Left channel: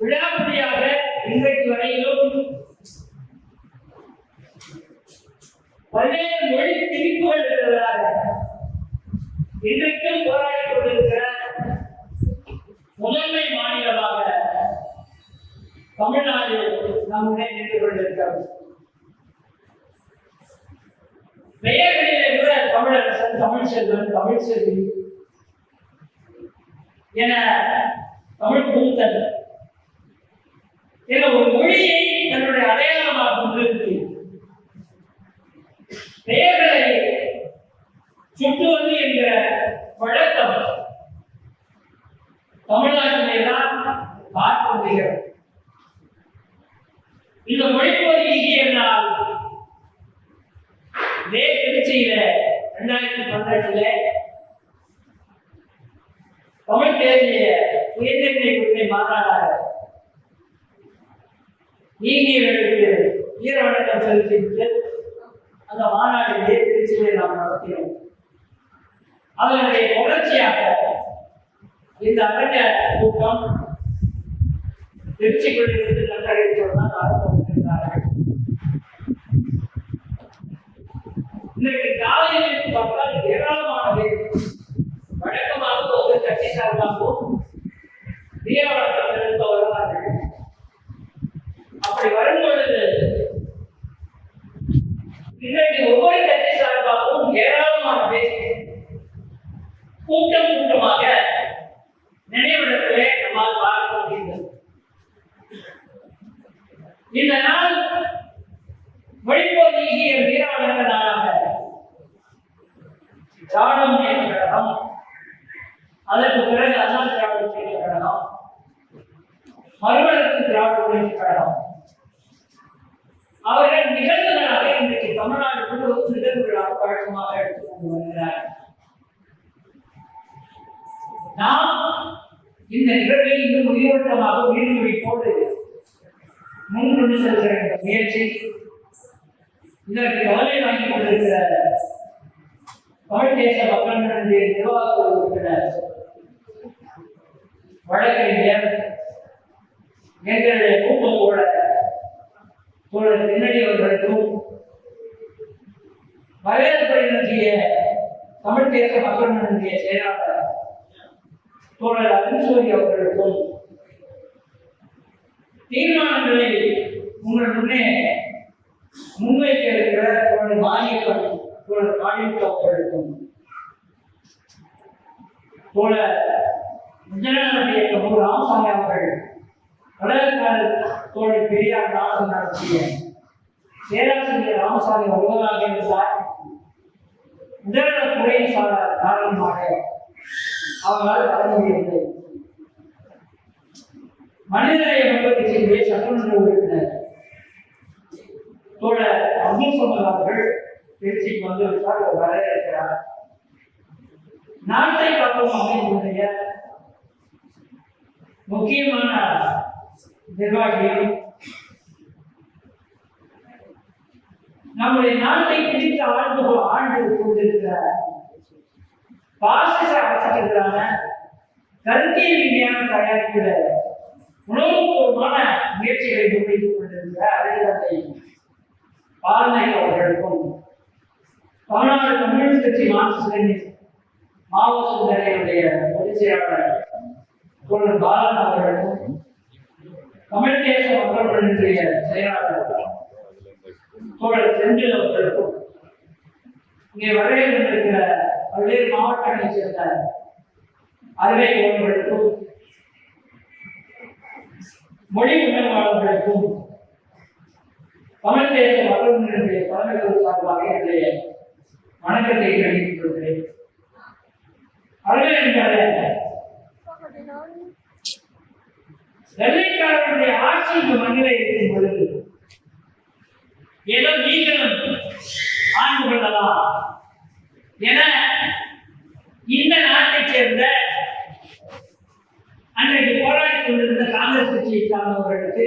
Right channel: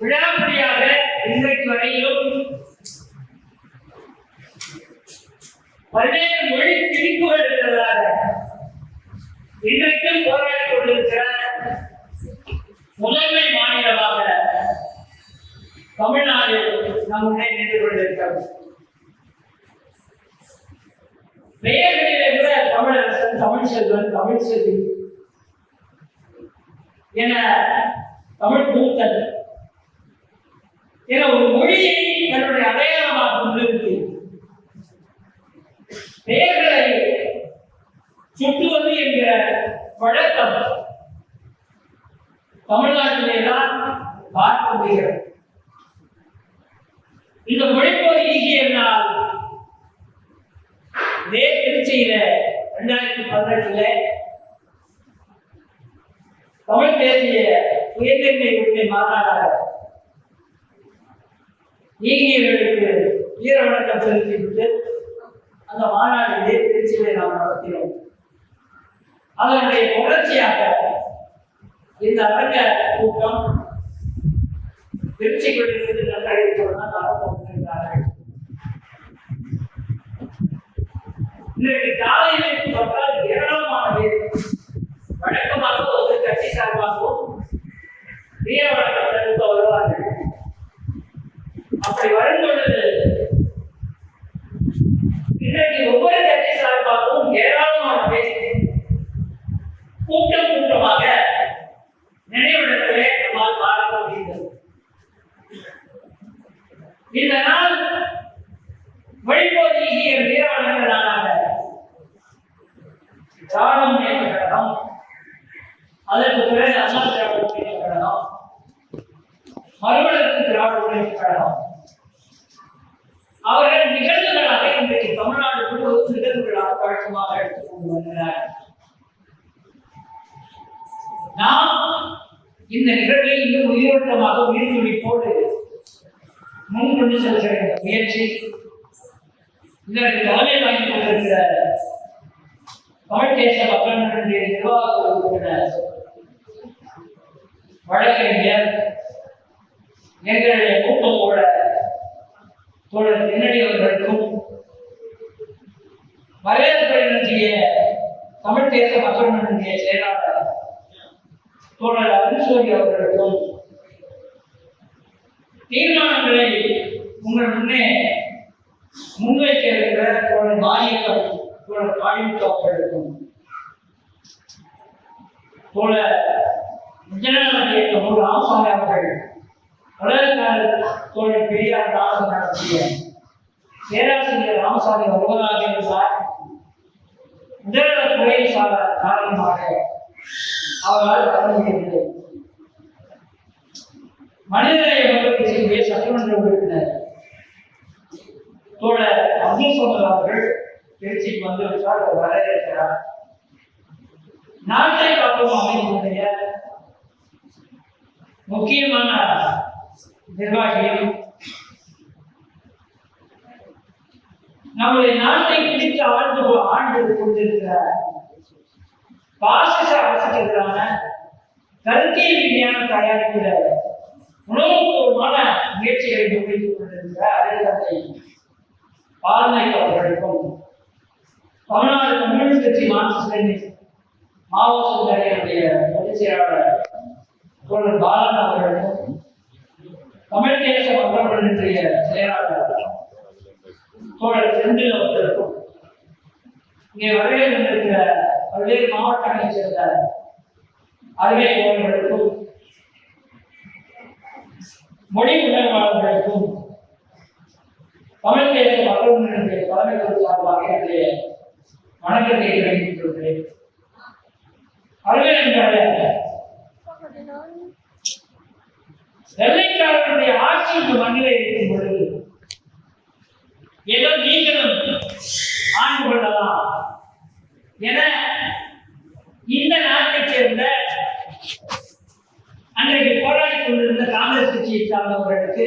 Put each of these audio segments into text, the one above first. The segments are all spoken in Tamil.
விழாப்படியாக இன்றைக்கு வரையிலும் பல்வேறு மொழி திணிப்புகள் இருக்கிறதாக இன்றைக்கும் போராடி கொண்டிருக்கிற முதன்மை மாநிலமாக தமிழ்நாடு நம்முடைய நின்று கொண்டிருக்கிறது. பெயர்களிலே கூட தமிழரசன் தமிழ் செல்வன் தமிழ் செல்வி என தமிழ் தூத்தன் என ஒரு மொழியை தன்னுடைய அடையாளமாக கொண்டிருக்கிறது பெயர்களை சுட்டுவது என்கிற வழக்கம் தமிழ்நாட்டிலே தான் பார்க்க முடிகிறது. இந்த மொழிப்போர் என்றால் இதே திருச்சியில ரெண்டாயிரத்தி பதினெட்டுல தமிழ் தேசிய உயர்நிலை உரிமை மாநாடாக ஈகியர்களுக்கு வீர வணக்கம் செலுத்திவிட்டு அந்த மாநாட்டிலே திருச்சியிலே நாம் நடத்தினோம். அதனுடைய தொடர்ச்சியாக இந்த அரங்க கூட்டம் திருச்சிக்குள்ளிருந்து நன்றறிவித்துடன் நடந்து கொண்டிருக்கிறார்கள் இன்றைக்கு காலையிலே பார்த்தால் ஏராளமான பேர் வழக்கமாக ஒரு கட்சி சார்பாகவும் வீர வழக்கம் செலுத்த வருவார்கள். அப்படி வரும் பொழுது இன்றைக்கு ஒவ்வொரு கட்சி சார்பாகவும் ஏராளமான பேர் கூட்டம் கூட்டமாக நினைவிடத்திலே நம்மால் பார்க்க முடிந்தது. இந்த நாள் வழிபோதி வீரவழக்க நாளாக திராவிட கழகம் அதற்கு பிறகு அண்ணா திராவிட முன்னேற்ற கழகம் திராவிட முன்னேற்ற கழகம் அவர்கள் நிகழ்வுகளாக இன்றைக்கு தமிழ்நாடு முழுவதும் நிகழ்வுகளாக பழக்கமாக எடுத்துக்கொண்டு வருகிறார் நாம் இந்த நிகழ்வை இன்னும் உயிரோட்டமாக உயிர்த்துடிப்போடு முன் கொண்டு செல்கிற இந்த முயற்சி இதற்கு கவலை வாங்கி கொண்டிருக்கிற தமிழ் தேச மக்கள் முன்னணிய நிர்வாக உறுப்பினர் வழக்கறிஞர் எங்களுடைய கூட்டத்தோட தோழர் பின்னணி அவர்களுக்கும் வரவேற்பை தமிழ் தேச மக்கள் முன்னணிய செயலாளர் தோழர் அருண்சூரி அவர்களுக்கும் தீர்மானங்களை உங்கள் முன்னே முன்வைக்க இருக்கிற தோழர் மாரியக்கம் தோழர் காளிமுத்து அவர்களுக்கும் தோழர் விஜயநாதன் இயக்கம் ஒரு ராமசாமி அவர்கள் உலகக்கார தோழர் பெரியார் நாடகம் நடத்திய பேராசிரியர் ராமசாமி ஒருவராக இருந்தார். உடல்நல துறை சார காரணமாக அவரால் வர முடியவில்லை. மனிதநேய மக்கள் கட்சியினுடைய சட்டமன்ற உறுப்பினர் தோழர் அப்துல் சோமர் அவர்கள் திருச்சிக்கு வந்துவிட்டால் அவர் வர இருக்கிறார் நாட்டை காக்கும் அமைப்புடைய முக்கியமான நிர்வாகிகள் நம்முடைய நாட்டை பிடித்து ஆழ்ந்து கொ- ஆழ்ந்து கொண்டிருக்கிற பாசிச அரசுக்கு எதிரான கருத்தியல் ரீதியான தயாரிப்பில் உணவுபூர்வமான முயற்சிகளை முன்வைத்துக் கொண்டிருக்கிற அறிவுரை பால்நாயக் அவர்களுக்கும் தமிழ்நாடு கம்யூனிஸ்ட் கட்சி மார்க்சிஸ்ட் மாவோ சுந்தரையுடைய பொதுச் செயலாளர் தோழர் பாலன் அவர்களுக்கும் தமிழ் தேச மக்களுடைய செயலாளர். தோழர் செந்தில் அவர்களுக்கும் இங்கே வருகை இருக்கிற பல்வேறு மாவட்டங்களைச் சேர்ந்த அறுவை தோழர்களுக்கும் மொழி உணர்வாளர்களுக்கும் தமிழ் தேச மக்களுடைய தலைமைகள் சார்பாக என்னுடைய வணக்கத்தை தெரிவித்துக் கொள்கிறேன். அதுவே என்கிற வெள்ளைக்காரனுடைய ஆட்சி இந்த மண்ணிலே இருக்கும் பொழுது ஏதோ நீங்களும் ஆண்டு கொள்ளலாம் என இந்த நாட்டைச் சேர்ந்த அன்றைக்கு போராடி கொண்டிருந்த காங்கிரஸ் கட்சியை சார்ந்தவர்களுக்கு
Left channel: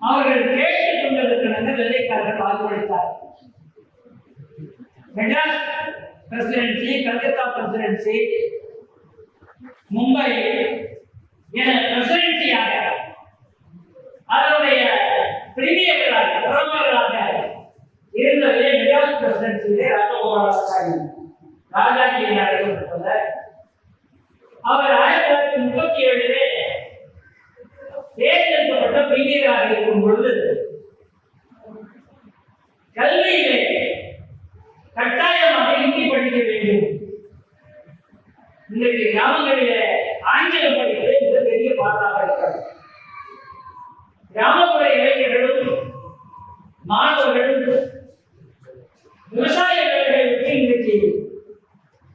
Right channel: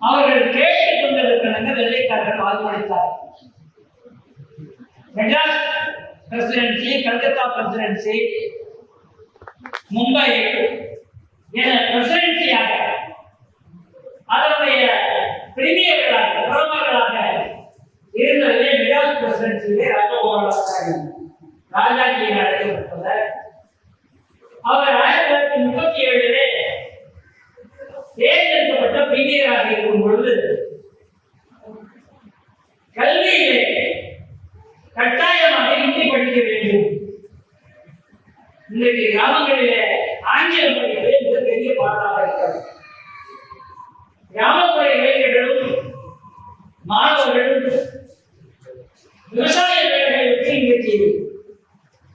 அவர்கள் கேட்டுக் கொண்டிருக்கிறாங்க வெள்ளைக்காரர்கள் வாக்களித்தார் மெட்ராஸ் பிரசிடென்சி கல்கத்தா பிரசிடென்சி மும்பை என பிரசிடென்சியாக அதனுடைய பிரிமியர்களாக பிரதமர்களாக இருந்ததிலே மிடாஸ் பிரசிடென்சியிலே ராஜகோபாலாச்சாரி ராஜாஜியை அழைக்கப்பட்டவர் அவர் ஆயிரத்தி தொள்ளாயிரத்தி முப்பத்தி ஏழிலே தேர்ந்தெடுக்கப்பட்ட பிரிமியராக இருக்கும் பொழுது கல்வியிலே கட்டாயமாக ஹிந்தி படிக்க வேண்டும். இன்றைக்கு கிராமங்கள் கிராமப்புற இளைஞர்களும் மாணவர்களும் விவசாய வேலைகளுக்கு இன்றைக்கு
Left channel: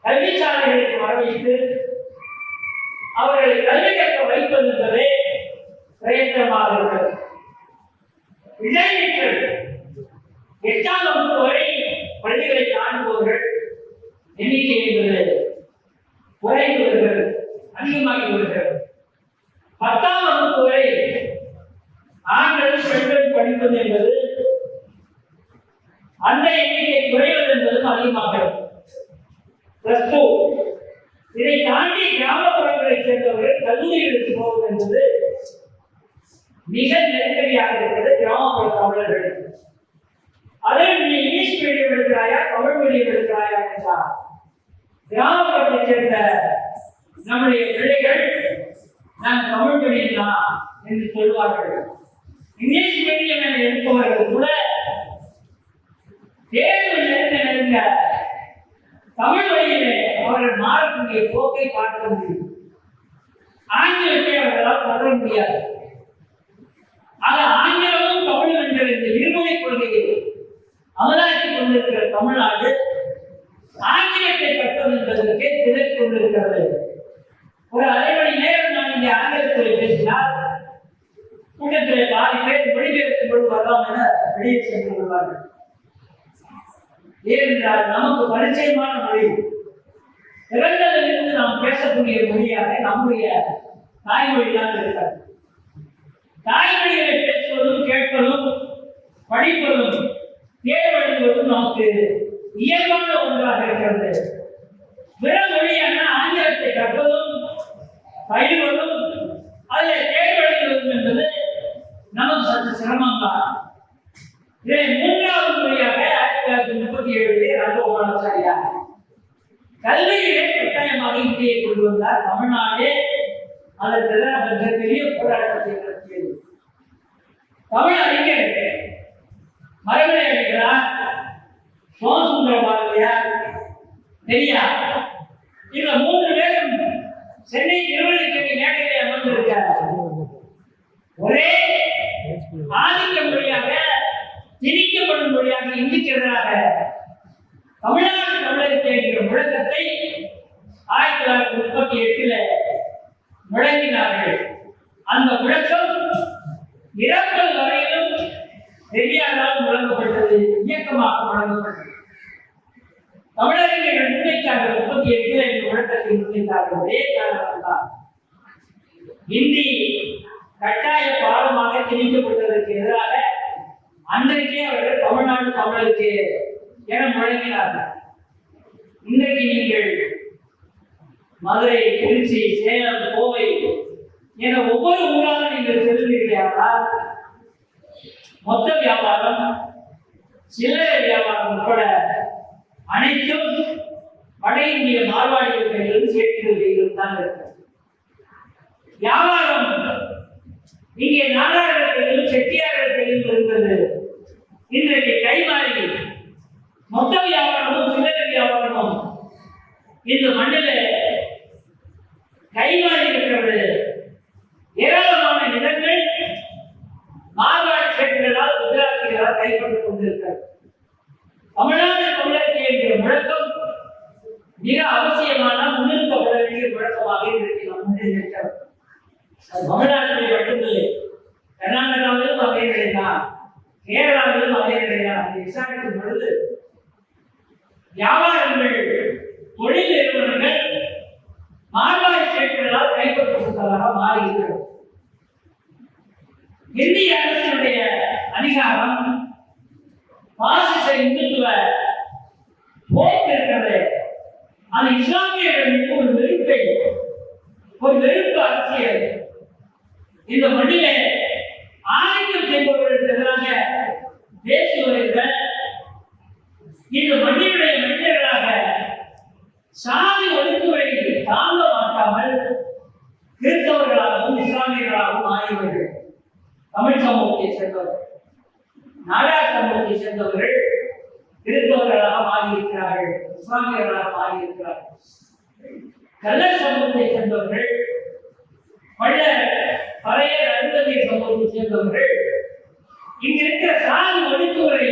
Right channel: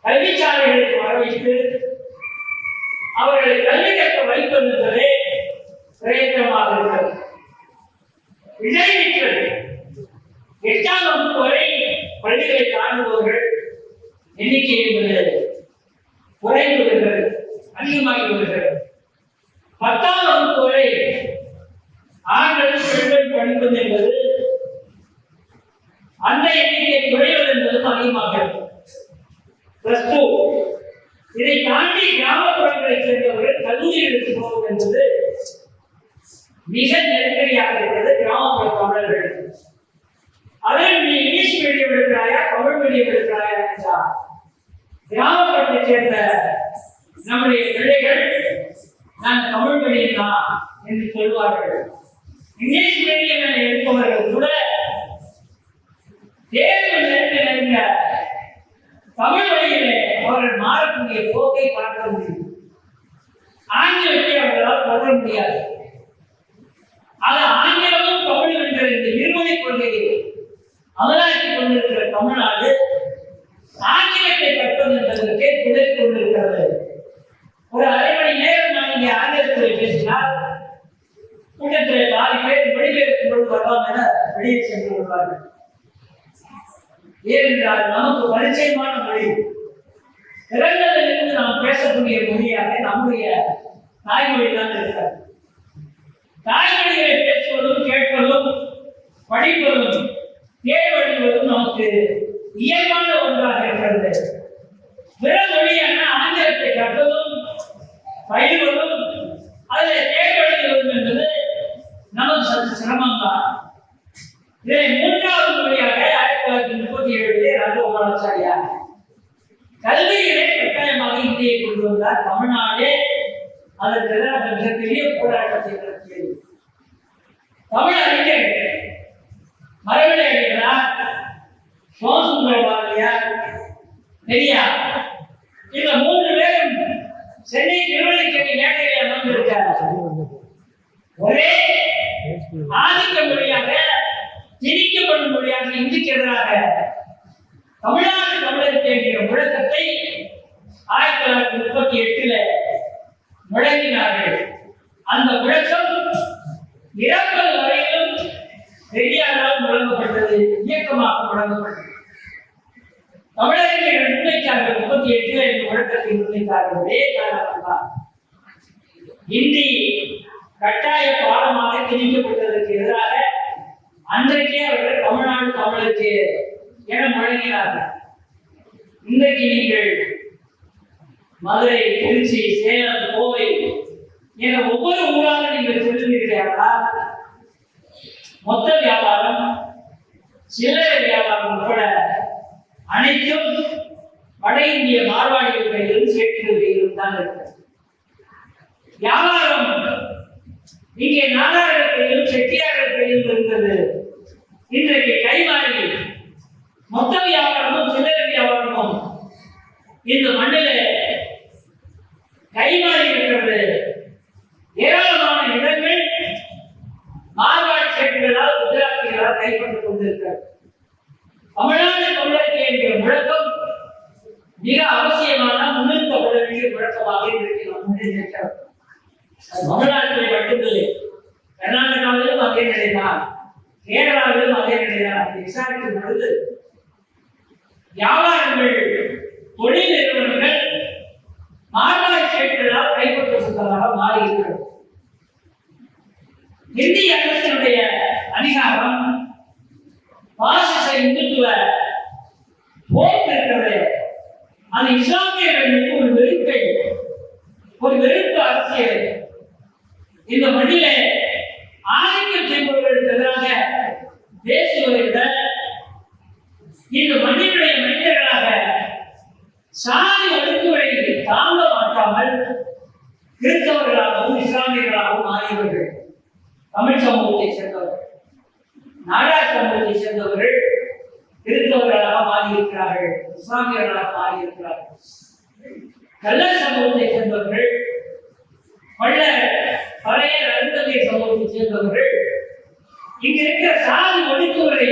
கல்விச்சாலைகளுக்கு வர வைத்து அவர்களை கல்வி கற்க வைப்பது என்பதே பிரயத்தனமாக இருக்கிறது. இடைநிற்றல் எட்டாம் வகுப்பு வரை பள்ளிகளை தாண்டுபவர்கள் எண்ணிக்கை என்பது குறைந்து வருகிறது அதிகமாகி வருகிறது. பத்தாம் வகுப்பு வரை ஆண்கள் பெண்கள் படிப்பது என்பது அந்த எண்ணிக்கை குறைவது என்பதும் அதிகமாகிறது பிளஸ் டூ இதை தாண்டி கிராமப்புறங்களை சேர்ந்தவர்கள் கல்லூரிகளுக்கு போவது என்பது மிக நெருக்கடியாக இருக்கிறது கிராமப்புற தமிழர்கள். அதில் நீ இங்கிலீஷ் மீடியம் எடுக்கிறாயா தமிழ் மீடியம் எடுக்கிறாயா என்றால் கிராமப்புறத்தை சேர்ந்த நம்முடைய பிள்ளைகள் நான் தமிழ் மீடியம் தான் என்று சொல்வார்கள். இங்கிலீஷ் மீடியம் என எடுப்பவர்கள் கூட தேர்வு நெருங்க நெருங்க தமிழ் வழியிலே அவர்கள் மாறக்கூடிய போக்கை பார்க்க முடியும். ஆங்கிலத்தை அவர்களால் தொடர முடியாது. அது ஆங்கிலமும் தமிழ் என்கிற இந்த இருமொழி கொள்கையை அமலாக்கி கொண்டிருக்கிற தமிழ்நாடு ஆங்கிலத்தை கற்பது என்பதற்கே துணை கொண்டிருக்கிறது. ஒரு அரை மணி நேரம் நான் இங்கே ஆங்கிலத்தில் பேசினால் கூட்டத்திலே பாதி பேர் மொழிபெயர்க்கும் பொழுது வரலாம் என வெளியே சென்று விடுவார்கள் ஏனென்றால் நமக்கு பரிச்சயமான மொழி. பிறந்ததிலிருந்து நாம் பேசக்கூடிய மொழியாக நம்முடைய தாய்மொழி தான் இருக்கிறது. தாய்மொழிகளை பேசுவதும் கேட்பதும் படிப்பதும் தேர்வெழுதுவதும் நமக்கு இயல்பான ஒன்றாக இருக்கிறது. பிற மொழியான ஆங்கிலத்தை கற்பதும் பயில்வதும் அதில் தேர்வெழுதுவதும் நமக்கு சற்று சிரமம்தான். இதை மூன்றாவது முறையாக ஆயிரத்தி தொள்ளாயிரத்தி முப்பத்தி ஏழிலே ராஜகோபாலாச்சாரியார் கல்வியிலே கட்டாயமாக இந்தியை கொண்டு வந்தார். தமிழ்நாடே அதற்கு மிகப்பெரிய போராட்டத்தை நடத்தியது. தமிழ் அறிஞர்கள் மரபிலை அடிகளார் சோமசுந்தர பாரதியார் பெரியார். இந்த மூன்று பேரும் சென்னை திருவள்ளிக்கேணி மேடையிலே அமர்ந்திருக்கிறார் ஒரே ஆதிக்க மொழியாக திணிக்கப்படும் மொழியாக இந்துக்கு எதிராக தமிழ்நாடு தமிழருக்கு என்கிற முழக்கத்தை ஆயிரத்தி தொள்ளாயிரத்தி முப்பத்தி எட்டுல முழங்கினார்கள். அந்த முழக்கம் இறப்பது வரையிலும் பெரியாரால் முழங்கப்பட்டது இயக்கமாக முழங்கப்பட்டது. தமிழர்கள் முன்வைத்தார்கள் முப்பத்தி எட்டுல இந்த முழக்கத்தை முன்வைத்தார்கள் ஒரே காரணம் தான். இந்தி கட்டாய பாடமாக திணிக்கப்பட்டது எதிராக அன்றைக்கே அவர்கள் தமிழ்நாடு தமிழருக்கு என இன்றைக்கு நீங்கள் மதுரை திருச்சி சேலம் கோவை என ஒவ்வொரு ஊராக நீங்கள் செல்லுகிறீர்களால் மொத்த வியாபாரம் சில்லறை வியாபாரம் உட்பட அனைத்தும் வட இந்திய மார்வாடிகள் கையிலும் சேட்டுகள் கையிலும் தான் இருக்கிறது வியாபாரம் இங்கே நாடார்கள் கையிலும் செட்டியார்கள் கையிலும் இருந்தது. இன்றைக்கு மொத்த வியாபாரமும் சில்லறை வியாபாரமும். இந்த மண்ணில் கைமாறி இருக்கிறது ஏராளமான இடங்கள் மார்வாடி சேட்டுகளால் குஜராத்திகளால் கைப்பற்றிக் கொண்டிருக்கிறது. தமிழ்நாடு தமிழர்கள் என்கிற முழக்கம் மிக அவசியமான முன்னிறுத்தப்பட வேண்டிய முழக்கமாக இன்றைக்கு நம் முன்னில் இருக்கிறது தமிழ்நாட்டிலே மட்டுமில்லை. கர்நாடகாவிலும் அதே நிலைதான். கேரளாவிலும் அதே நிலைதான். அதை விசாரிக்கும் பொழுது வியாபாரங்கள் தொழில் நிறுவனங்கள் மார்வாடி சேட்டுகளால் கைப்பற்றப்பட்டதாக மாறி இருக்கிறது இந்திய அரசினுடைய அதிகாரம் பாசிச இந்துத்துவ போக்கு இருக்கிறது. அது இஸ்லாமியர்களுக்கு ஒரு வெறுப்பை ஒரு வெறுப்பு அரசியல். இந்த மண்ணிலே ஆதிக்கம் செய்பவர்களுக்கு எதிராக பேசுவதை விட இன்று மண்ணினுடைய மனிதர்களாக சாதி ஒடுக்குமுறை தாங்க மாட்டாமல் கிறிஸ்தவர்களாகவும் இஸ்லாமியர்களாகவும் ஆகியவர்கள் தமிழ் சமூகத்தை சேர்ந்தவர்கள் நாடார் சமூகத்தை சேர்ந்தவர்கள் கிறிஸ்தவர்களாக மாறியிருக்கிறார்கள் இஸ்லாமியர்களாக மாறியிருக்கிறார்கள். கள்ளர் சமூகத்தை சேர்ந்தவர்கள் பள்ள பழைய அருந்ததிய சமூகத்தை சேர்ந்தவர்கள் இங்க இருக்கிற சாதி ஒடுக்குமுறை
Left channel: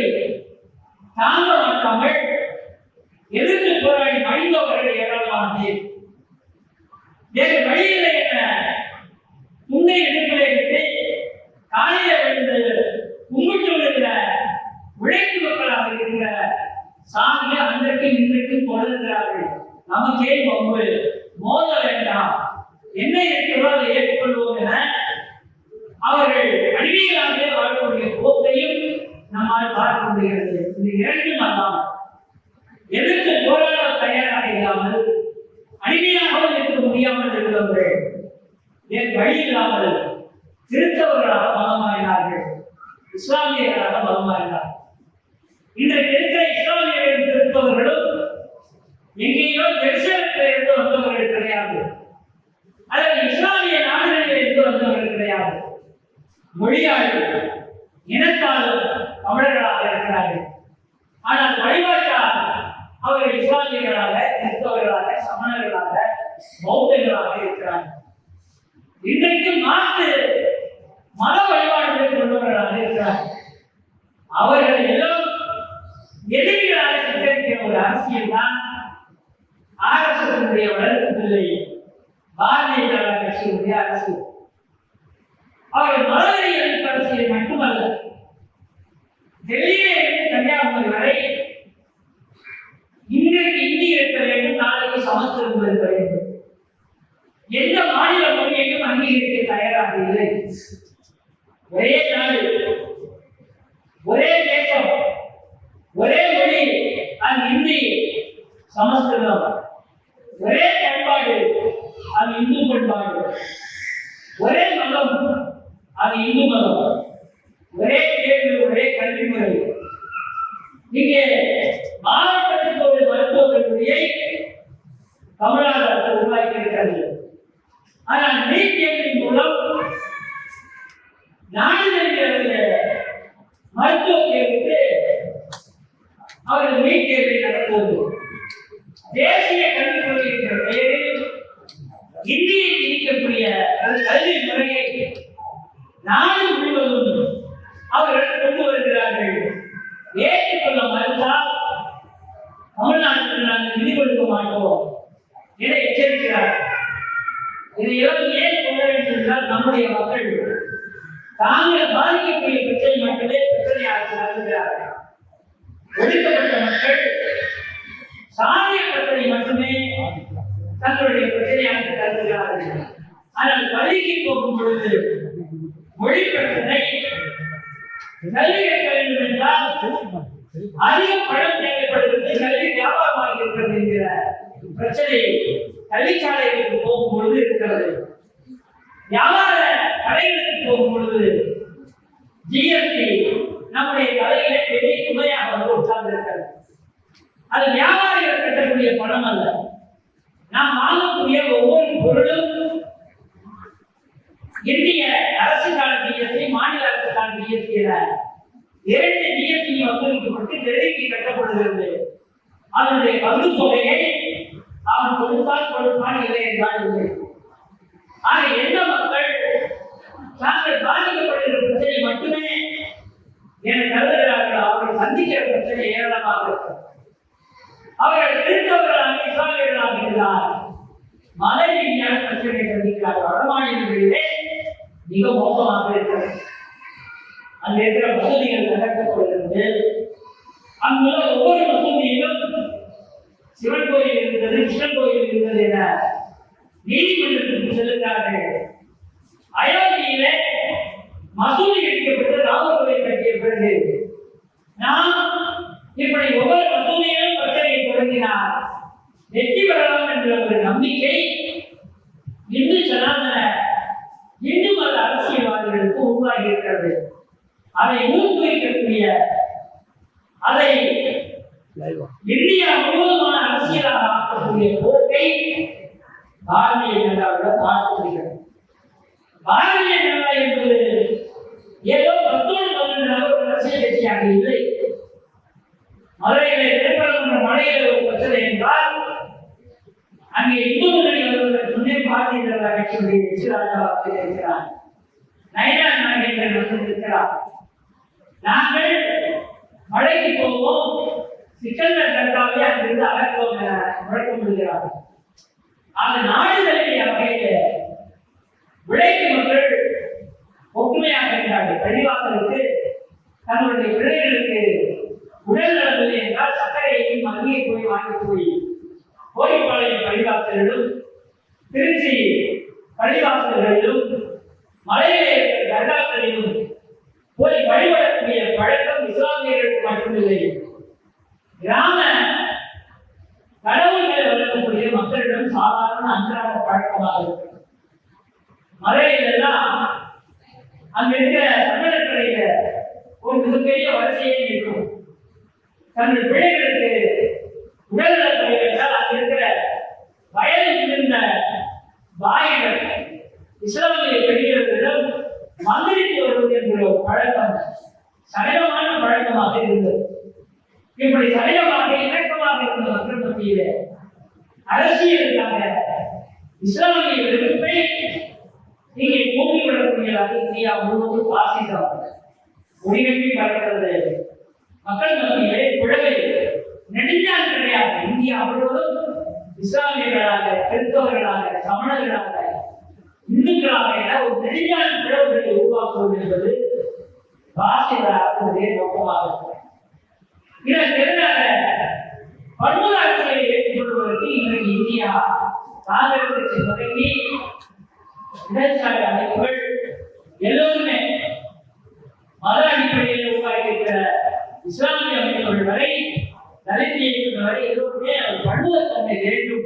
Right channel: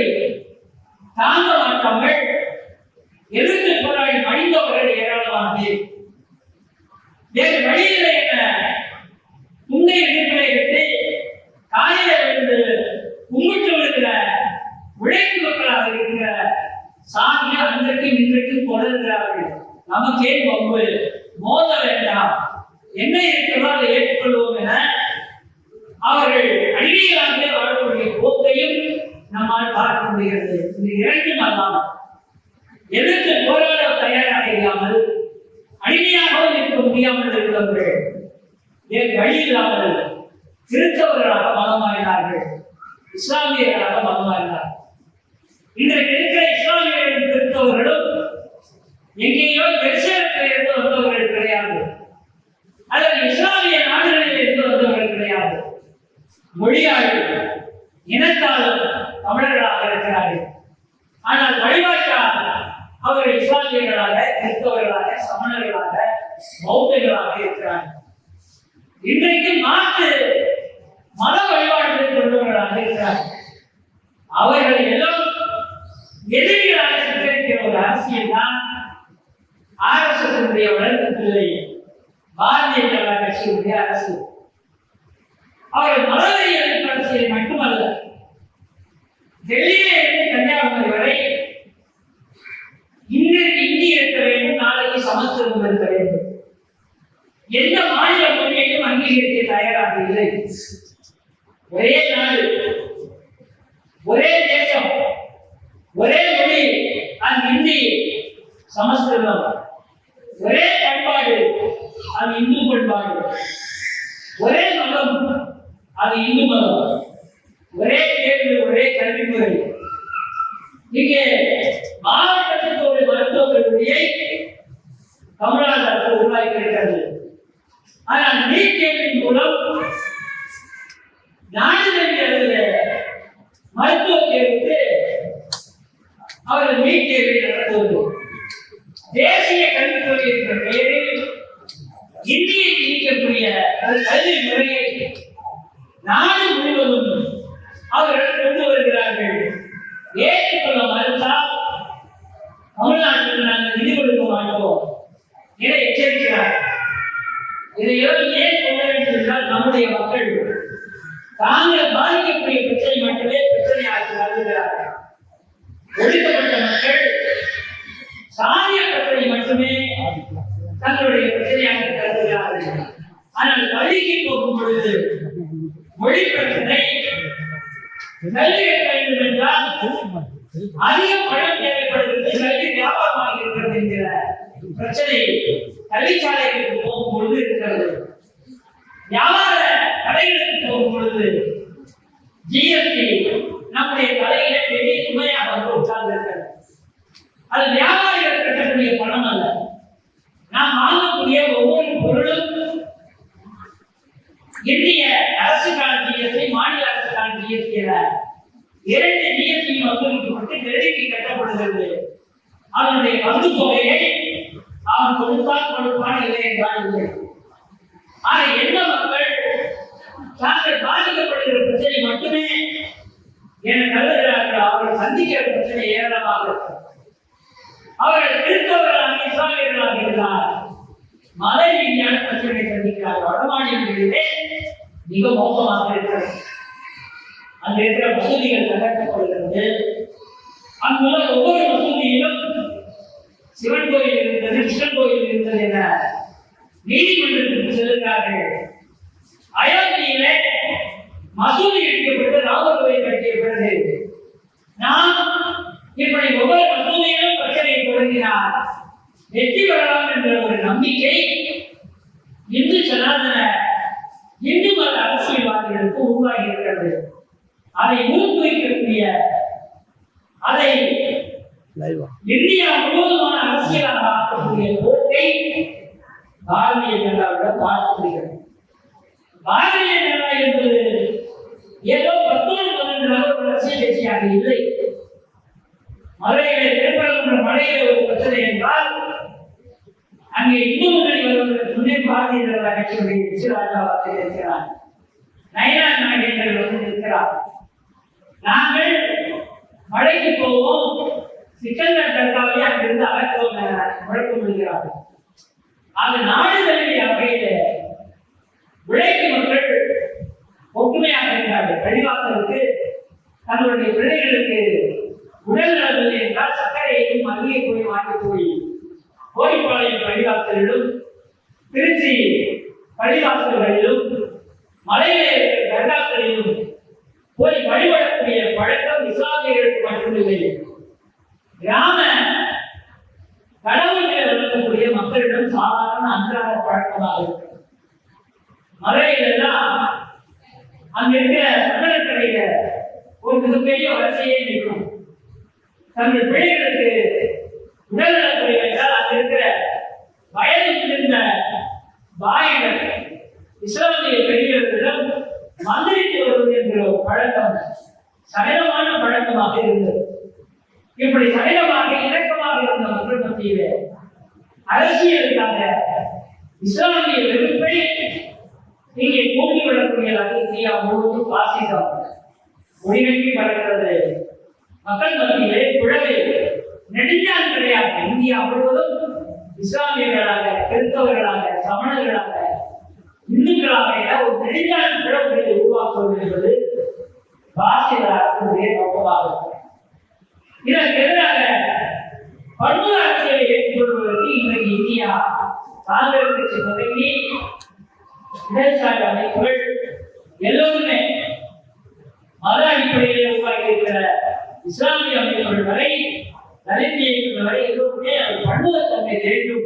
தாங்க மாட்டாமல் எதிர்த்து போராடி மடிந்தவர்கள் ஏராளமானது? வேறு வழியில என உண்மை இடுப்பிலை விட்டு காலையில விழுந்து கும்பிட்டு விழுகிற உழைப்பு மக்களாக இருக்கிற சாமியை அன்றைக்கு இன்றைக்கு தொடர்கிறார்கள். நமக்கே பம்பு மோத வேண்டாம். என்ன இருக்கிறதோ அதை ஏற்றுக்கொள்வோம் என அவர்கள் அடிமைகளாகவே வாழக்கூடிய போக்கையும் நம்மால் பார்க்க முடிகிறது. இது இரண்டும் அல்லாமல். எதிர்த்து போராட தயாராக இல்லாமல் அடிமையாகவும் இருக்க முடியாமல் இருந்தவர்கள் வேறு வழி இல்லாமல் கிறிஸ்தவர்களாக மதம் மாறினார்கள் இஸ்லாமியர்களாக மதம் மாறினார்கள் இன்றைக்கு இருக்கிற இஸ்லாமியர்கள் கிறிஸ்தவர்களும் எங்கேயோ தரிசனத்தில் இருந்து வந்தவர்கள் கிடையாது. அல்லது இஸ்லாமிய நாடுகளில் இருந்து வந்தவர்கள் கிடையாது. மொழியாளர்கள் தமிழர்களாக இருக்கிறார்கள். ஆனால் வழிபாட்டால் அவர்கள் இஸ்லாமியர்களாக கிறிஸ்தவர்களாக சமணர்களாக பௌத்தர்களாக இருக்கிறார்கள். இன்றைக்கு மாற்று மத வழிபாடுகளை கொண்டவர்களாக இருக்கிறார்கள். அவர்கள் எல்லாம் எதிரிகளாக சித்தரிக்கிற ஒரு அரசியல் தான் ஆர்எஸ்எஸ் வளர்க்கவில்லை பாரதிய ஜனதா கட்சியினுடைய அரசு. அவர்கள் மதவெறி எதிர்ப்பு மட்டுமல்ல டெல்லியில இருந்து கன்னியாகுமரி வரை இன்றைக்கு இந்தி இருக்க வேண்டும் நாளைக்கு சமஸ்கிருதம் இருக்க வேண்டும் எந்த மாநில மொழியையும் அங்கீகரிக்க தயாராக இல்லை. ஒரே நாடு ஒரே தேசம் ஒரே மொழி அது இந்தி சமஸ்கிருதம். ஒரே பண்பாடு அது இந்து பண்பாடு ஒரே மதம் அது இந்து மதம். ஒரே கேள்வி ஒரே கல்வி முறை. இங்கே மாவட்டத்திற்கு ஒரு மருத்துவ கல்லூரியை தமிழ்நாடு அரசு உருவாக்கியிருக்கிறது. ஆனால் நீட் தேர்வின் மூலம் நாடு மருத்துவ தேர்வுக்கு அவர்கள் நீட் தேர்வை நடத்துவது. தேசிய கல்விக் கொள்கை என்ற பெயரில் இந்தியை திணிக்கக்கூடிய ஒரு கல்வி முறையை நாடு முழுவதும் அவர்கள் கொண்டு வருகிறார்கள் ஏற்றுக்கொள்ள மறுத்தால் தமிழ்நாட்டுக்கு நாங்கள் நிதி கொடுக்க மாட்டோம் என எச்சரிக்கிறார் இதையெல்லாம் ஏன் சொல்ல வேண்டும் என்றால் நம்முடைய மக்கள் தாங்கள் பாதிக்கக்கூடிய பிரச்சனை மட்டுமே பிரச்சனையாக கருதுகிறார்கள் ஒடுக்கப்பட்ட மக்கள் சாதிய பிரச்சனை மட்டுமே தங்களுடைய பிரச்சனையாக கருதுகிறார்கள் ஆனால் பள்ளிக்கு போகும் பொழுது மொழி பிரச்சனை கல்வி கற்க வேண்டும் என்றால் அதிக பணம் தேவைப்படுகிறது. கல்வி வியாபாரமாக இருக்கிறது என்கிற பிரச்சனை கல்விச்சாலைகளுக்கு போகும் பொழுது இருக்கிறது. வியாபார கடைகளுக்கு போகும் பொழுது ஜிஎஸ்டி நம்முடைய தலையிலே பெரிய சுமையாக வந்து உட்கார்ந்து இருக்கிறது அது வியாபாரிகள் கட்டக்கூடிய பணம் அல்ல. நாம் வாங்கக்கூடிய ஒவ்வொரு பொருளும் இந்திய அரசுக்கான ஜிஎஸ்டி மாநில அரசுக்கான ஜிஎஸ்டி இரண்டு வசூலிக்கப்பட்டு கிரெடிட்டி கட்டப்படுகிறது. அதனுடைய பங்கு தொகையை அவன் கொடுத்தால் கொடுப்பான் இல்லை என்றால் இல்லை. ஆக எந்த மக்கள் தாங்கள் பாதிக்கப்படுகிற பிரச்சனை மட்டுமே என கருதுகிறார்கள் அவர்கள் சந்திக்கிற பிரச்சனை ஏராளமாக இருக்கிறது அவர்கள் கிறிஸ்தவர்களாக இஸ்லாமியர்களாக இருந்தார் மத ரீதியான பிரச்சனை சந்திக்கிறார்கள். வடமாநிலங்களிலே மிக மோசமாக இருக்கிறது. அந்த இருக்கிற மசூதிகள் கட்டப்படுகிறது அங்குள்ள ஒவ்வொரு வசதியிலும் சிவன் கோயில் இருந்தது கிருஷ்ணன் கோயில் இருந்தது என நீதிமன்றத்திற்கு செல்கிறார்கள் அயோத்தியிலே மசூதி இடிக்கப்பட்டு ராமர் கோயில் கட்டிய பிறகு நாம் இப்படி ஒவ்வொரு மசூதியிலும் பிரச்சனையை தொடங்கினார் வெற்றி பெறலாம் என்ற ஒரு நம்பிக்கை இந்து சனாதன இந்து மத அரசியல்வாதிகளுக்கு உருவாகி இருக்கிறது. அதை ஊக்குவிக்கக்கூடிய அதை இந்தியா முழுவதுமான அரசியலாக ஆக்கக்கூடிய போக்கை பாரதிய ஜனதாவோட பார்க்கப்படுகிறது பாரதிய ஜனதா என்பது ஏதோ பத்தோடு ஒரு அரசியல் கட்சியாக இல்லை. மதுரையிலே திருப்பரங்குன்ற மலையிலே ஒரு பிரச்சனை என்றால் அங்கே இந்து முன்னணி வருவதற்கு முன்னே பாரதிய ஜனதா கட்சியுடைய எச்சிராஜாவாக இருக்கிறார். நயனா நாகேந்திரன் வந்து இருக்கிறார். நாங்கள் மழைக்கு போவோம். சிக்கல்கள் தற்காலே அங்கிருந்து அகற்றுவோம் என முழக்கம் விடுகிறார்கள் அந்த நாடு தழுவிய வகையில உழைக்கு மக்கள் ஒற்றுமையாக இருக்கிறார்கள். பள்ளிவாசலுக்கு தங்களுடைய பிள்ளைகளுக்கு உடல் நலவில்லை என்றால் சர்க்கரையையும் மதுரையை போய் வாங்கி போய் கோரிப்பாளையம் பள்ளிவாசலிலும் திருச்சி பள்ளிவாசல்களிலும் மலையிலே இருக்கிற தர்காக்களிலும் போய் வழிபடக்கூடிய பழக்கம் இஸ்லாமியர்களுக்கு மட்டுமில்லை கிராம கடவுள்களை வளர்க்கக்கூடிய மக்களிடம் சாதாரண அன்றாட பழக்கமாக இருக்கிறது மறையிலெல்லாம் அங்க இருக்கிற சந்தனக்கடையில ஒரு மிகப்பெரிய வரிசையே நிற்கும். தங்கள் பிள்ளைகளுக்கு உடல்நலக்குறை என்றால் அங்க இருக்கிற வயது இருந்த பாய்கள் இஸ்லாமிய மந்திரித்து வருவது என்கிற ஒரு பழக்கம். சகஜமான பழக்கமாக இருந்தது. இப்படி சகஜமாக இணக்கமாக இருந்த மக்கள் மத்தியிலே அரசியலுக்காக இஸ்லாமிய வெறுப்பை இங்கே கூட்டி தூண்டிவிடக்கூடியதாக இந்தியா முழுவதும் பாசிசம். முடிவெட்டி பறக்கிறது மக்கள் மத்தியிலே குழந்தை நெடுஞ்சால் கிடையாது. இந்தியா முழுவதும் இஸ்லாமியர்களாக கிறிஸ்தவர்களாக சமணர்களாக இந்துக்களாக ஒரு நெடுஞ்சால் பிளவுகளை உருவாக்குவது என்பது பாசித நோக்கமாக இதற்கு எதிராக பன்முக அரசியலை ஏற்றுக்கொள்வதற்கு இன்றைக்கு இந்தியா காங்கிரஸ் கட்சி தொடங்கி இடதுசாரி அமைப்புகள் எல்லோருமே மத அடிப்படையில் உருவாக்கியிருக்கிற இஸ்லாமிய அமைப்புகள் வரை தலித் இயக்கங்கள் வரை எல்லோருமே பன்முகத்தன்மை வேண்டும்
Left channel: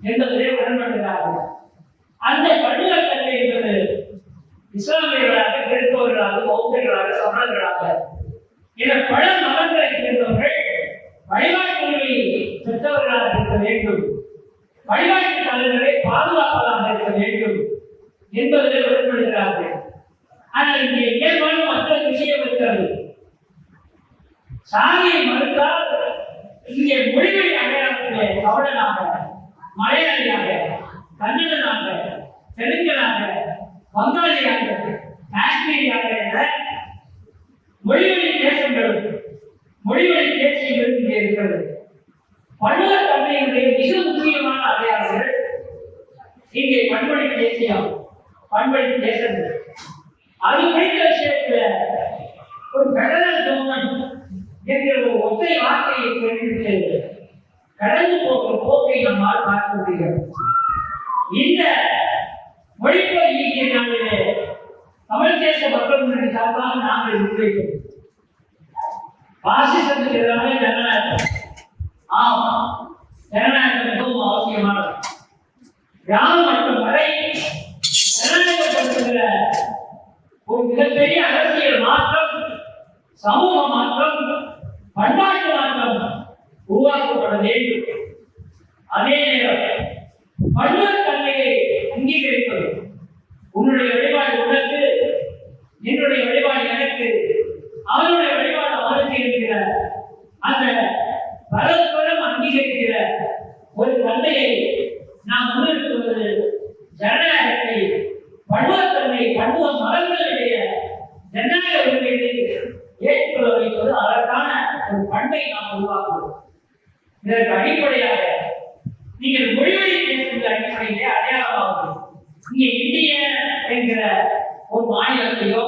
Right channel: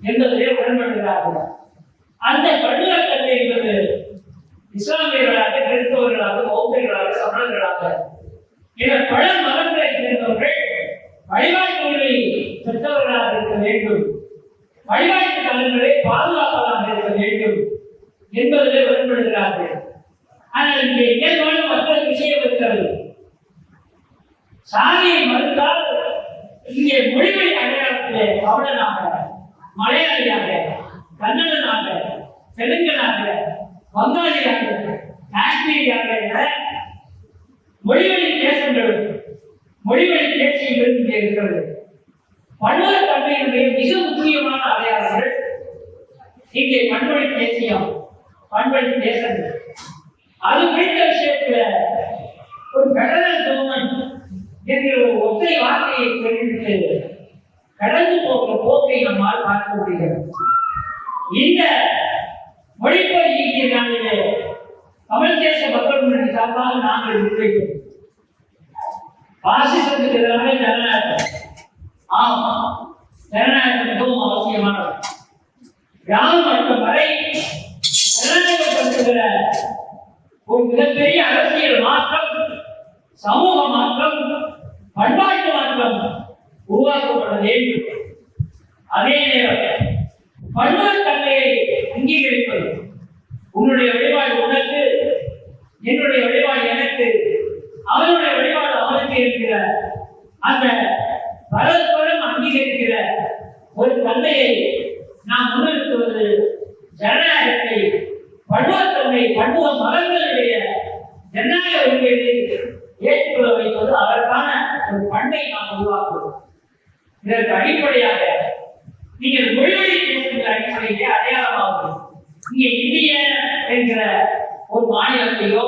என்பதிலே உடன்படுகிறார்கள். அந்த பன்முகத்தன்மை என்பது இஸ்லாமியர்களாக கிறிஸ்தவர்களாக பௌத்தர்களாக சமணர்களாக. என பல மதங்களை சேர்ந்தவர்கள் வழிபாட்டு பெற்றவர்களாக இருக்க வேண்டும். வழிபாட்டு தலங்களை பாதுகாப்பதாக இருக்க வேண்டும் என்பதில் உடன்படுகிறார்கள் ஆனால் இங்கே இயல்பான மற்றொரு விஷயம் இருக்கிறது. சாதியை மறுத்தால் இங்கே மொழிமொழி அடையாளத்திலே கவலனாக மலையாளியாக கன்னடனாக தெலுங்கனாக வங்காளியாக காஷ்மீரியாக என மொழிவழி தேசங்கள் மொழிவழி தேசியங்கள் இங்கே இருக்கிறது பன்முக தன்மையினுடைய மிக முக்கியமான அடையாளங்கள் இங்கே பண்பொழி தேசியம் பண்பொழி தேசங்கள் அது குறித்த விஷயத்துல ஒரு பெடரல் கவர்மெண்ட் என்கிற ஒரு ஒற்றை வார்த்தையை கேட்டுவிட்டு கடந்து போகிற போக்கை நம்மால் பார்க்க முடிகிறது. இந்த மொழிப்போர் ஈட்டிய நாளிலே தமிழ் தேச மக்கள் முன்னணி சார்பாக நாங்கள் முன்வைக்கிறோம் பாசிசத்துக்கு எதிரான ஜனநாயகம். ஆம் ஜனநாயகம் மிகவும் அவசியமானது. கிராம மட்டம் வரை ஜனநாயகப்படுத்துகிற ஒரு மிகப்பெரிய அரசியல் மாற்றம் சமூக மாற்றம் பண்பாட்டு மாற்றம் உருவாக்கப்பட வேண்டும். அதே நேரம் பன்முகத்தன்மையை அங்கீகரிப்பது. உன்னுடைய வழிபாடு உனக்கு என்னுடைய வழிபாடு எனக்கு அவனுடைய வழிபாடு அவனுக்கு இருக்கிற அந்த பரஸ்பரம் அங்கீகரிக்கிற ஒரு தன்மையை நாம் முன்னிறுத்துவது ஜனநாயகத்தை பன்முகத்தன்மை பன்முக மரங்களுடைய ஜனநாயக உரிமையை ஏற்றுக்கொள்ள வைப்பது அதற்கான ஒரு பண்பை நாம் உருவாக்குவோம். இதற்கு அடிப்படையாக நீங்கள் மொழிவழி பேசுகிற அடிப்படையிலே அடையாளமாகும் இங்கே இந்திய என்கிற ஒரு மாநிலத்தையோ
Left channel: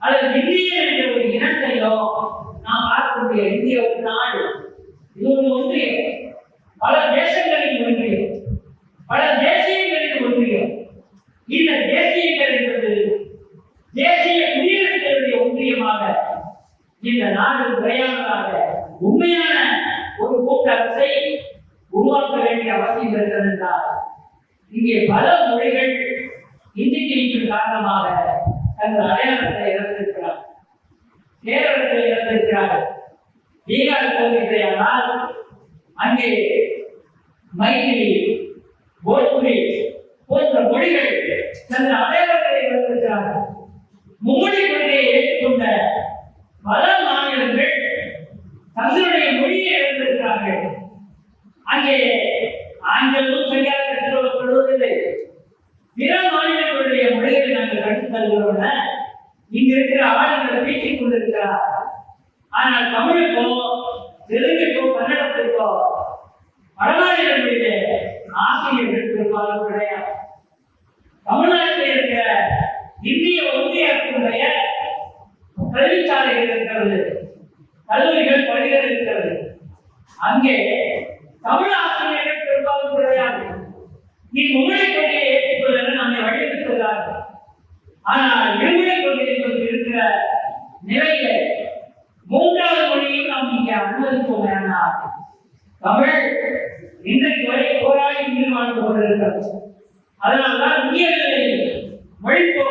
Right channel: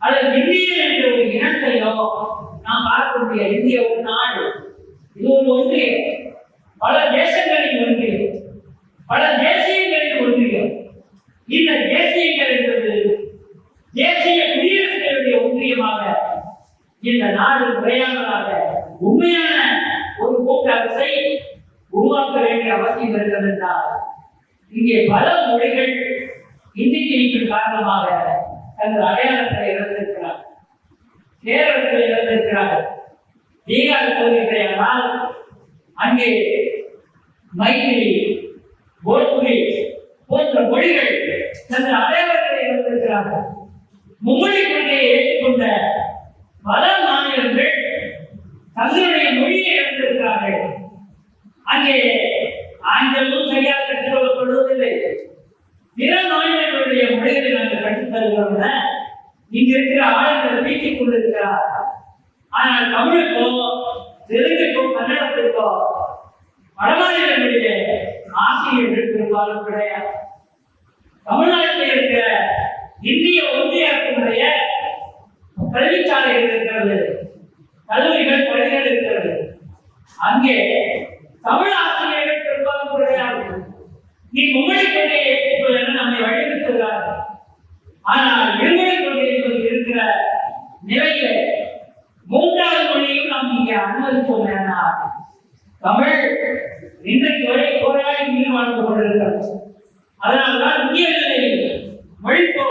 அல்லது இந்திய என்ற ஒரு இனத்தையோ நாம் பார்க்கக்கூடிய இந்திய ஒரு நாடு. இது ஒரு ஒன்றியம் பல தேசங்களின் ஒன்றியம் பல தேசியங்களின் ஒன்றியம் இந்த தேசியங்கள் என்பது தேசிய குடியரசுகளுடைய ஒன்றியமாக இந்த நாடு முறையானதாக உண்மையான ஒரு கூட்டரசை உருவாக்க வேண்டிய அவசியம் இருக்கிறது என்றால் இங்கே பல மொழிகள் இந்தி திணிப்பின் காரணமாக தங்கள் அடையாளத்தை இழந்திருக்கிறார் கேரளத்தில் இழந்திருக்கிறார்கள். பீகார் போகிறேயானால் அங்கே மைத்திரி போஜ்புரி போன்ற மொழிகள் தங்கள் அடையாளத்தை இழந்திருக்கிறார்கள். மும்மொழி கொள்கையை ஏற்றுக்கொண்ட பல மாநிலங்கள் தங்களுடைய மொழியை இழந்திருக்கிறார்கள். அங்கே ஆங்கிலமும் சரியாக கற்றுக்கொள்ளப்படுவதில்லை. பிற மாநிலங்களுடைய மொழிகளை நாங்கள் கற்றுத்தருகிறோம் இங்க இருக்கிற ஆளுநர் பீட்டிக் கொண்டிருக்கிறார். ஆனால் தமிழுக்கோ தெலுங்குக்கோ கன்னடத்திற்கோ வடமாநிலங்களிலே ஆசிரியர்கள் பெரும்பாலும் கிடையாது. தமிழ்நாட்டில் இருக்கிற இந்திய ஒன்றிய அரசினுடைய கல்விச்சாலைகள் இருக்கிறது? கல்லூரிகள் பள்ளிகள் இருக்கிறது. அங்கே தமிழ் நீ மும்மொழி கொள்கையை ஏற்றுக்கொள்ள நம்மை வழிநடத்துகிறார்கள் ஆனால் இருமொழி கொள்கை என்பது இருக்கிற நிலையில மூன்றாவது மொழியும் நாம் இங்கே அனுமதிப்போம் என்றால் தமிழ் இன்றைக்கு வரை போராடி உயிர் வாழ்ந்து கொண்டிருக்கிறது. அதனால்தான் இந்திய நிலையில் மொழிப்போ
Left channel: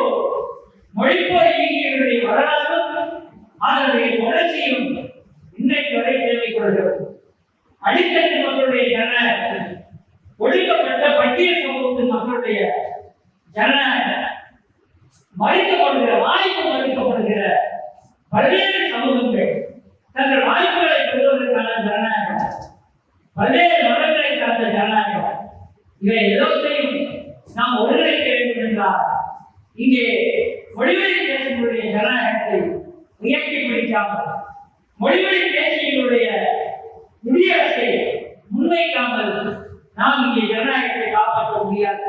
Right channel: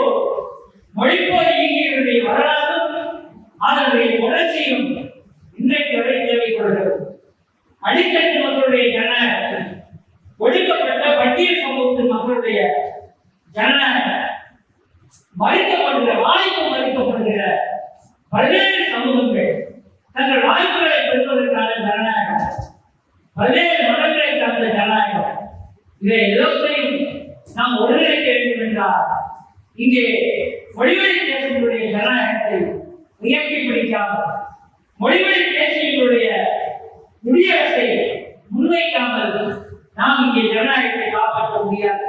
இயங்கியவருடைய வரலாறும் அதனுடைய தொடர்ச்சியும் இன்றைக்கு வரை தேவைப்படுகிறது அடித்தட்டு மக்களுடைய ஜன ஒடுக்கப்பட்ட பட்டியல் சமூகத்தின் மக்களுடைய ஜன மறுக்கப்படுகிற வாய்ப்பு மறுக்கப்படுகிற பல்வேறு சமூகங்கள் தங்கள் வாய்ப்புகளை பெறுவதற்கான ஜனநாயகம் பல்வேறு மதங்களை சார்ந்த ஜனநாயகம் இவை எல்லாத்தையும் நாம் ஒருங்கிணைக்க வேண்டும் என்றால் இங்கே மொழிவழி பேசுகளுடைய ஜனநாயகத்தை உயர்த்தி பிடிக்காமல் மொழிவழி பேசியவர்களுடைய குடியரசை முன்வைக்காமல் நாம் இங்கே ஜனநாயகத்தை காப்பாற்ற முடியாது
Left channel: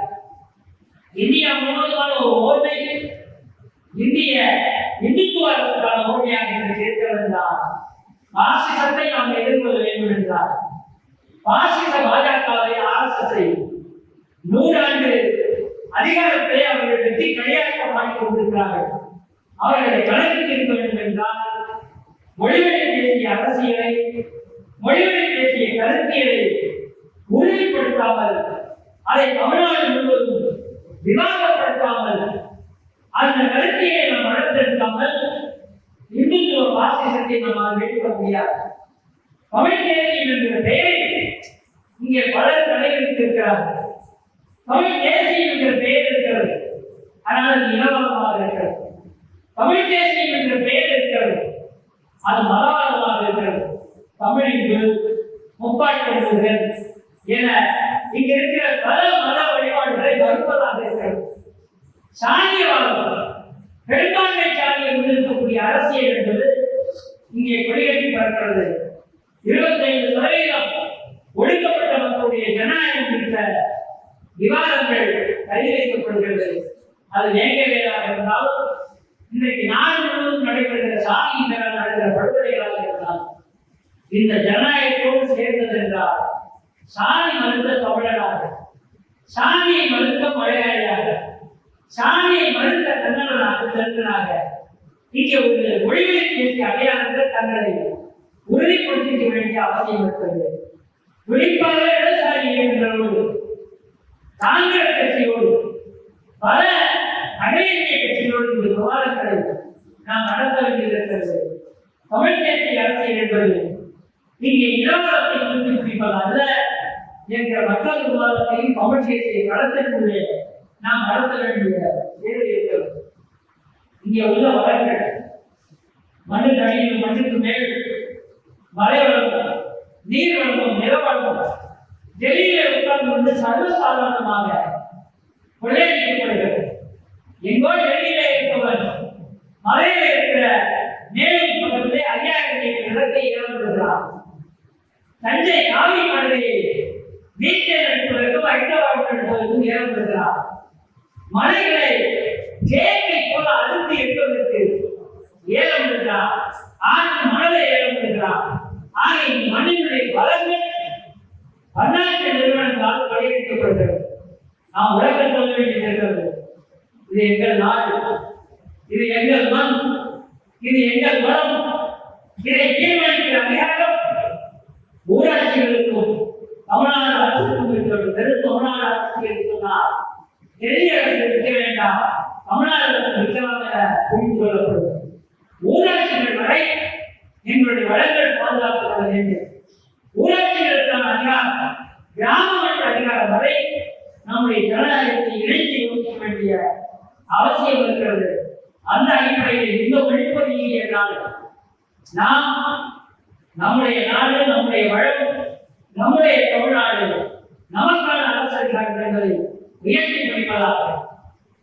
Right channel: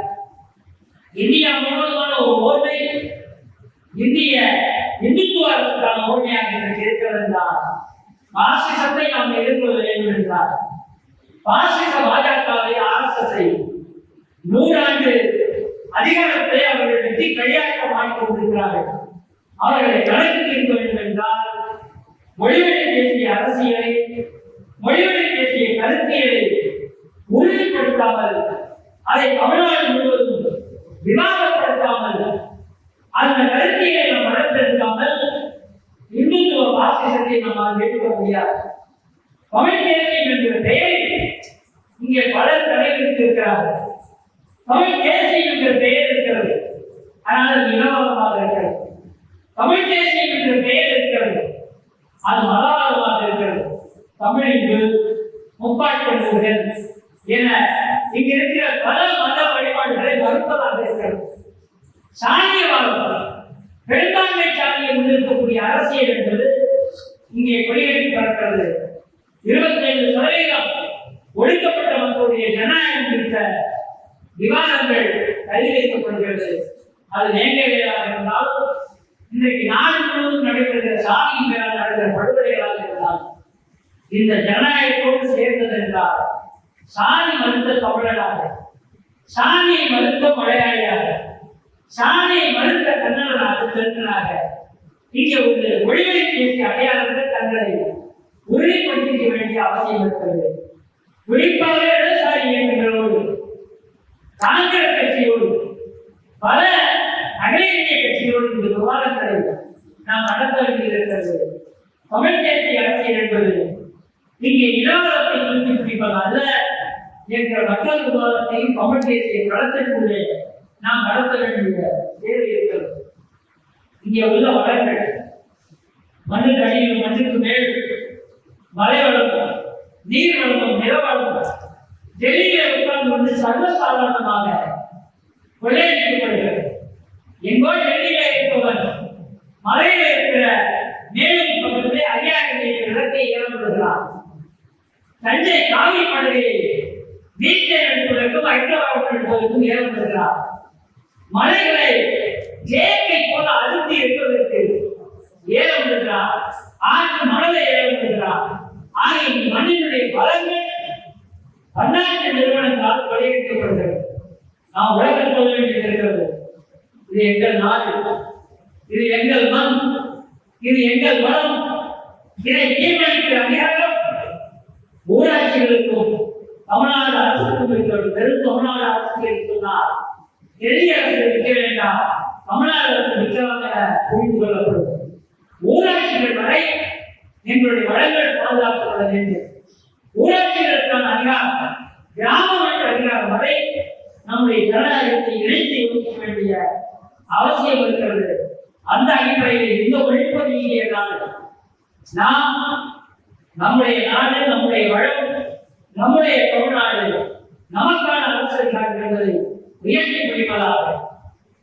இந்தியா முழுவதுமான ஒரு ஓர்மை இந்திய இந்துத்துவ அரசுக்கான ஓர்மையாக இன்றைக்கு இருக்கிறது என்றால் பாசிசத்தை நாம் எதிர்கொள்ள வேண்டும் என்றால் பாசிச பாஜகவை ஆர்எஸ்எஸ்ஐ நூறாண்டு அதிகாரத்தை அவர்கள் வெற்றி கையாட்டம் வாங்கிக் கொண்டிருக்கிறார்கள். அவர்களை கணக்கு இருக்க வேண்டும் என்றால் மொழிவழி பேசிய அரசியலை மொழிவழி பேசிய கருத்தியலை உறுதிப்படுத்தாமல் அதை தமிழ்நாடு முழுவதும் விவாதப்படுத்தாமல் அந்த கருத்தியை நாம் வளர்த்தெடுக்காமல் இந்துத்துவ பாசிசத்தை நம்மால் மேற்கொள்ள முடியாது. தமிழ் தேசியம் என்கிற பெயரில் இங்கே பலர் தலைவருக்கு இருக்கிறார்கள் தமிழ் தேசியம் என்கிற பெயர் இருக்கிறது. ஆனால் அது இனவாதமாக இருக்கிறது. தமிழ் தேசியம் பெயர் இருக்கிறது. அது மதவாதமாக இருக்கிறது. தமிழ் இந்து என இங்க இருக்கிற பல மத வழிபாடுகளை மறுப்பதாக இருக்கிறது. சாதியவாதம் பெரும்பான்மை சாதியை முன்னிறுத்தக்கூடிய அரசியல் என்பது சாணி மறுத்த தமிழராக சாணியை மறுத்த மலையாளியாக. சாணியை மறுத்த கன்னடனாக தெலுங்கனாக இங்கே ஒரு மொழிகளை பேசிய அடையாளங்கள் தங்களை உறுதிப்படுத்திக்க வேண்டிய அவசியம் இருக்கிறது. குறிப்பாக இடதுசாரி இயக்கங்களோடு காங்கிரஸ் கட்சியோடு பல அகில இந்திய கட்சிகளோடு இந்த விவாதங்களை நாம் நடத்த வேண்டியிருக்கிறது. தமிழ் தேசிய அரசியல் என்பது இங்கே இனவாதத்தை குறித்து பிடிப்பது அல்ல என்ற மக்கள் விவாதத்தையும் கமிட்டியத்தை நடத்தக்கூடிய நாம் நடத்த வேண்டிய தேவை இருக்கிறது இங்கே உள்ள வளங்கள் மண்ணுக்கு அடியில் மண்ணுக்கு மேல் மலை வளம் நீர் வளம் நில வளம் டெல்லியில உட்கார்ந்து கொண்டு சர்வசாதாரணமாக கொள்ளையடிக்கப்படுகிறது எங்கோ டெல்லியில இருப்பவர் மலையில இருக்கிற மேலும் பக்கத்திலே அரியாகத்திலே இடத்தை இழந்துகிறான் தஞ்சை காவி மலையை வீட்டை நடத்துவதற்கும் ஹைதராபாத் போவதற்கும் ஏற்படுகிறார் மலைகளை ஜேக்கை போல அழுத்தி இருப்பதற்கு ஏலம் இருக்கிறார் ஆற்று மணலை ஏலம் இருக்கிறார் ஆகிய மண்ணினுடைய வளங்கள் பன்னாட்டு நிறுவனங்களால் வலியுறுத்தப்படுகிறது நாம் உலகம் சொல்ல வேண்டியது இருக்கிறது. இது எங்கள் நாடு. இது எங்கள் மண். இது எங்கள் வளம். இதை தீர்மானிக்கிற அதிகாரம் ஊராட்சிகளுக்கும் தமிழ்நாடு அரசுக்கு இருக்கிறது வெறும் தமிழ்நாடு அரசுக்கு சொன்னால் பெரிய அரசு விற்க வேண்டாம். தமிழ்நாடு அரசு விற்கலாம் என புரிந்து கொள்ளப்படும். ஊராட்சிகள் வரை எங்களுடைய வளங்கள் பாதுகாக்கப்பட வேண்டும். ஊராட்சிகளுக்கான அதிகாரம் கிராம மன்ற அதிகாரம் வரை நம்முடைய ஜனநாயகத்தை இணைத்து யோசிக்க வேண்டிய அவசியம் இருக்கிறது. அந்த அடிப்படையில் இந்த ஒழிப்பது என்றால் நாம் நம்முடைய நாடு நம்முடைய வளம் நம்முடைய தமிழ்நாடு நமக்கான அரசு இருக்கிறது உயர்த்தி பிடிப்பதாக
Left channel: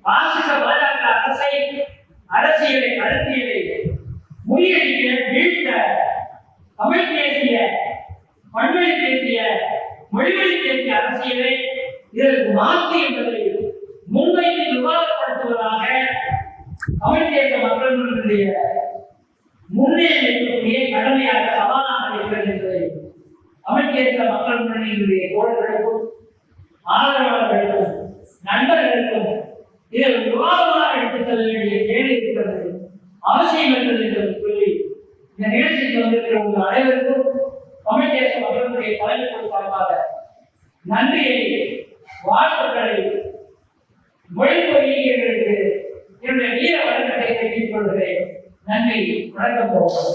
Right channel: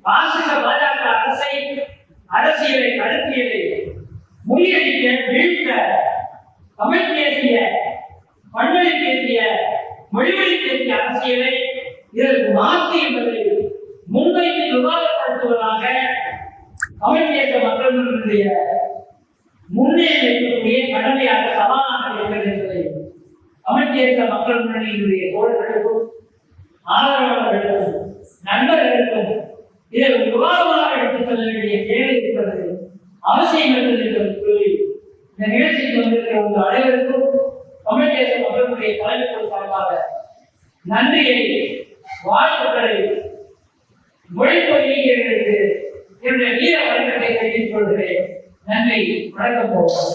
பாசிச பாஜக அரசை அரசியலை கருத்தியலை முறியடிக்க வீழ்த்த தமிழ் தேசிய பண்பொழி தேசிய மொழிவழி தேசிய அரசியலை இதற்கு மாற்று என்பதை முன்வைத்து விவாதப்படுத்துவதாக தமிழ் தேச மக்களுடைய முன்னே இருக்கக்கூடிய கடமையாக தமிழ் மக்கள் முன்னணியினுடைய தோழர்களுக்கும் ஆதரவாளர்களுக்கும் நண்பர்களுக்கும் இதில் விவாதமாக எடுத்துக் செல்ல வேண்டிய தேவை இருக்கிறது அவசியம் இருக்கிறது என்று சொல்லி இந்த நிகழ்ச்சிக்கு வந்திருக்கிற உங்கள் அனைவருக்கும் தமிழ் தேச மக்களுடைய தலைமைத்துவம் சார்பாக நன்றியை வாழ்த்துக்களை மொழிப்பொழிகளுக்கு என்னுடைய வீர வழக்கத்தை தெரிவித்துக் கொள்கிறேன். நன்றி வணக்கம் போகிறோம்